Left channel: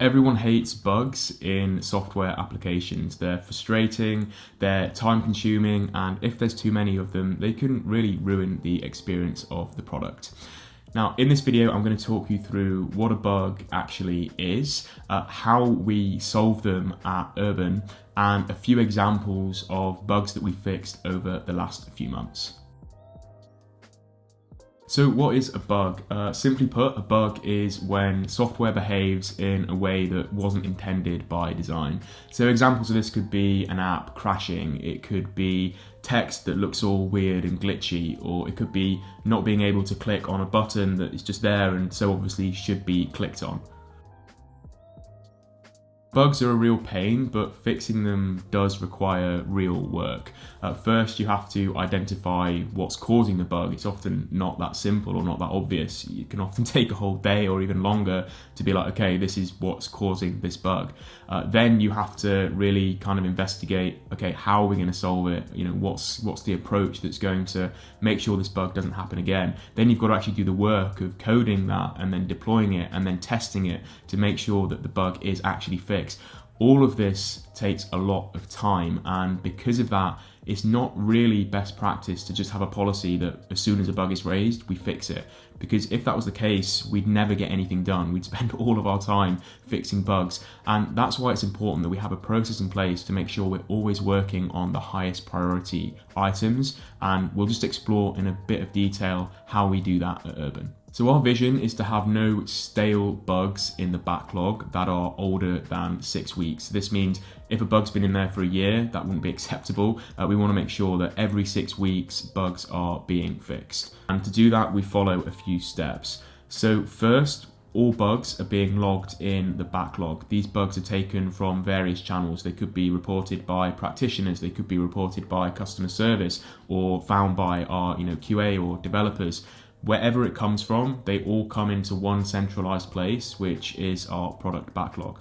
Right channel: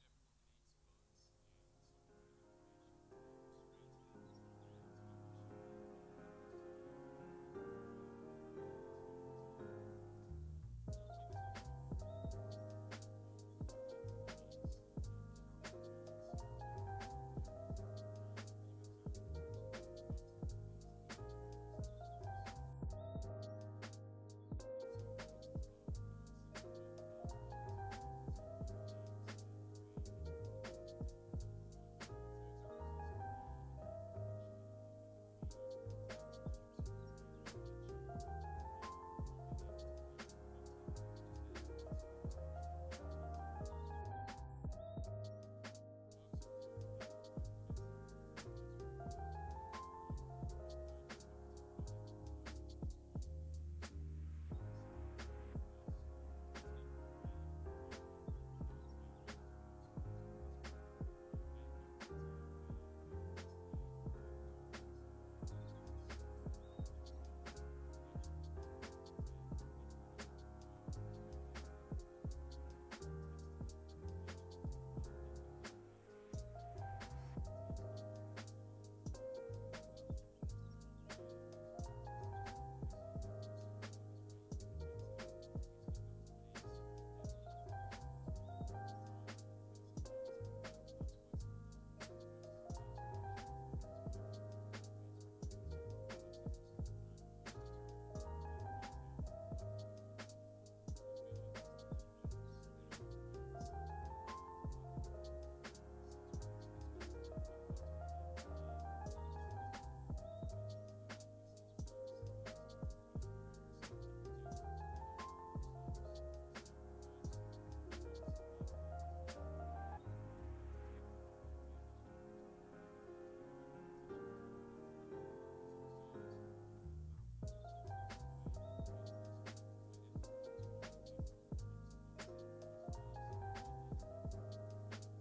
Everyone hates bugs in software applications. They're frustrating, they're time consuming, and if there's too many of them, they can really ruin the experience of the product. Now, in this video, I'm going to talk you through what a bug actually is, how we solve them at Urban, and a few examples of bugs that we fixed over the last few months. So what is a bug? Simply put, a bug is when software behaves in a way that wasn't intended by design. So examples of this could be an app crashing, it could be text that looks all weird and glitchy, or it could be not being able to click on a button that is just there and so obviously should be clicked on. Bugs are a real pain, but fixing them does require real work. First, you have to identify what's causing the bug. It's often not that simple or not that obvious. It can often take a whole day or even longer to be like, okay, this is what's causing this bug. Then you have to really kind of investigate, okay, how are we going to solve it? You know, what's the approach that's going to make sure this bug doesn't happen again? Then you've got to actually do the work of coding that and then deploying it and then testing it to make sure that the bug is actually fixed. All of this takes a lot of time, and because of that, it's not really best practice to just have a policy that as soon as a bug is raised, we fix it. Because if that was the case, we'd never get anything done. We'd spend all of our time fixing bugs. And that's why it's important that we have a process in place to make sure we're always working on the highest priority items. And we'll just explore in a bit of detail how we do that at Urban. So our vision is to have no stale bugs in the backlog that are older than 6 weeks. This means if a bug's been in there for a year, that wouldn't be acceptable. We want to make sure that every 6 weeks bugs are being fixed. And to do that, we follow a few steps. So first, all bugs are being logged in the backlog. These bugs are taken from various channels. They could be reported by practitioners, they could be reported by customer service, or found by our QA or developers. Wherever it comes from, they all come into one centralized place, which is our product backlog.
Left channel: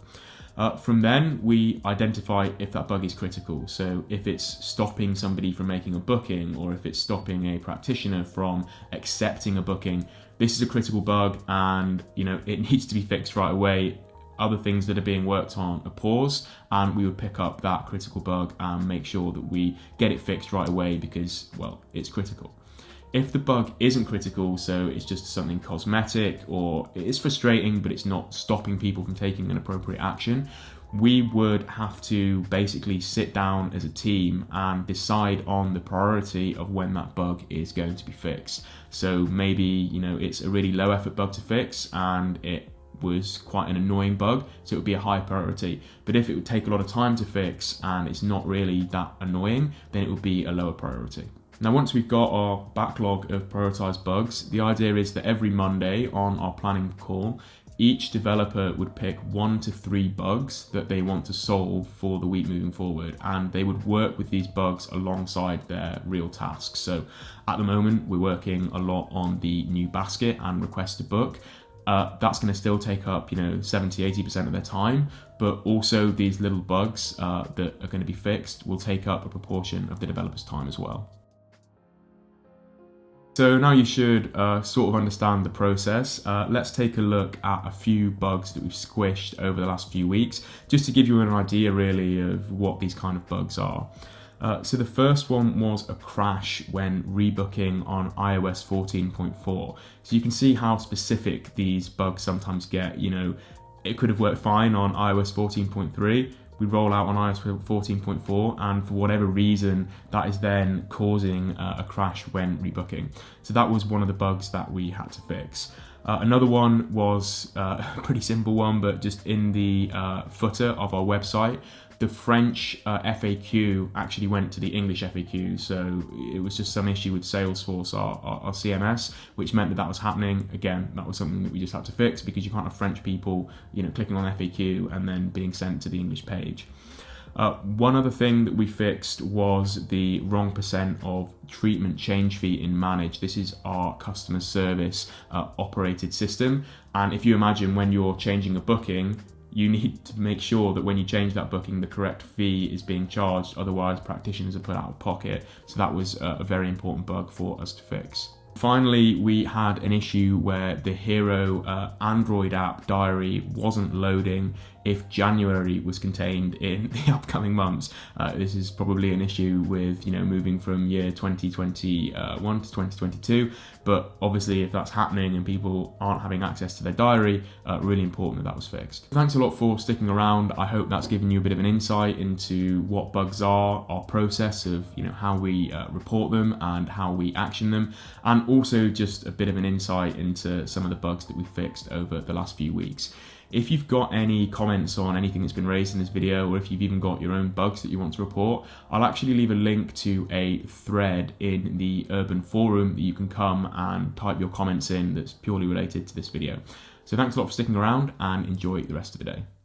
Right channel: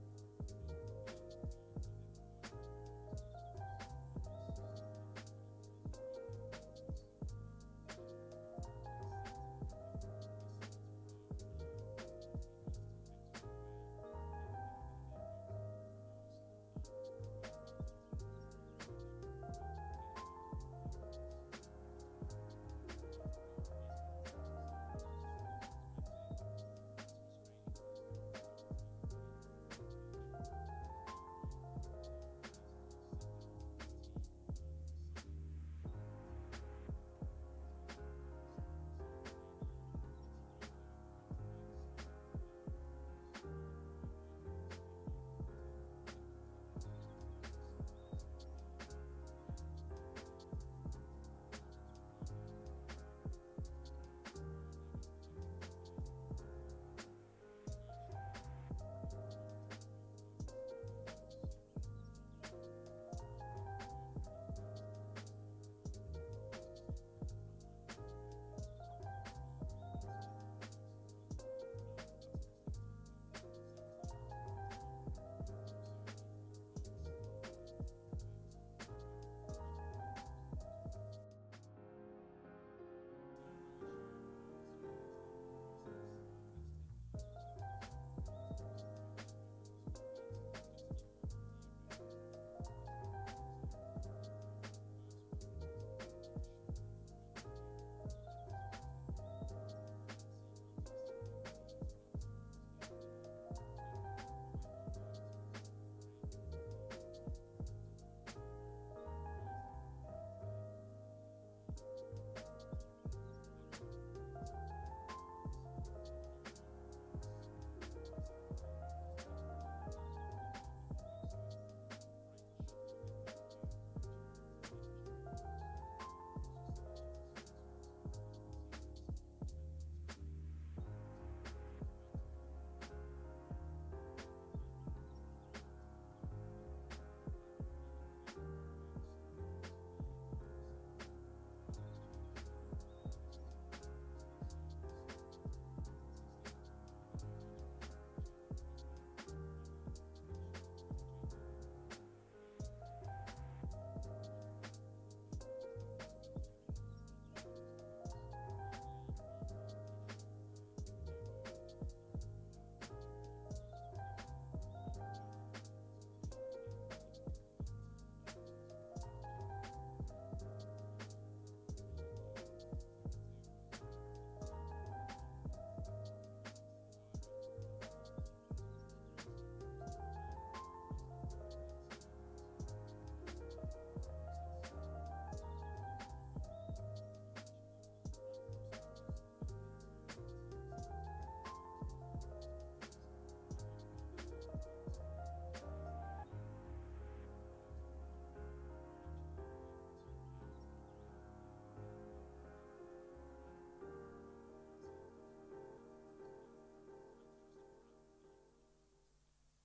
From then, we identify if that bug is critical. So if it's stopping somebody from making a booking, or if it's stopping a practitioner from accepting a booking, this is a critical bug and it needs to be fixed right away. Other things that are being worked on are paused, and we would pick up that critical bug and make sure that we get it fixed right away because, well, it's critical. If the bug isn't critical, so it's just something cosmetic or it is frustrating but it's not stopping people from taking an appropriate action, we would have to basically sit down as a team and decide on the priority of when that bug is going to be fixed. So maybe it's a really low effort bug to fix and it was quite an annoying bug, so it would be a high priority. But if it would take a lot of time to fix and it's not really that annoying, then it would be a lower priority. Now, once we've got our backlog of prioritized bugs, the idea is that every Monday on our planning call, each developer would pick 1 to 3 bugs that they want to solve for the week moving forward, and they would work with these bugs alongside their real tasks. So at the moment, we're working a lot on the new basket and request to book. That's going to still take up 70-80% of their time, but also these little bugs that are going to be fixed will take up a proportion of the developer's time as well. So now you should sort of understand the process. Let's take a look at a few bugs that we've squished over the last few weeks, just to give you an idea really of what these kind of bugs are. So the first one was a crash when rebooking on iOS 14.4. So you can see how specific these bugs sometimes get. It could have worked fine on iOS 14.3. We roll out on iOS 14.4 and for whatever reason that is then causing a crash when rebooking. So that was one of the bugs that we had to fix. Another one was a pretty simple one, but just in the footer of our website, the French FAQ actually went to the English FAQ. So it was just some issue with Salesforce, our CMS, which meant that was happening. Again, that was something that we just had to fix because you can't have French people, clicking on FAQ and then being sent to the English page. One other thing that we fixed was the wrong percent of treatment change fee in Manage. This is our customer service operated system. And if you imagine when you're changing a booking, you need to make sure that when you change that booking, the correct fee is being charged. Otherwise, practitioners are put out of pocket. So that was a very important bug for us to fix. Finally, we had an issue where the Hero Android app diary wasn't loading if January was contained in the upcoming months. This is probably an issue with moving from year 2021 to 2022, but obviously if that's happening and people aren't having access to their diary, really important that was fixed. Thanks a lot for sticking around. I hope that's given you a bit of an insight into what bugs are, our process of how we report them and how we action them, and also just a bit of an insight into some of the bugs that we fixed over the last few weeks. If you've got any comments on anything that's been raised in this video, or if you've even got your own bugs that you want to report, I'll actually leave a link to a thread in the Urban Forum that you can come and type your comments in that's purely related to this video. So thanks a lot for sticking around and enjoy the rest of the day.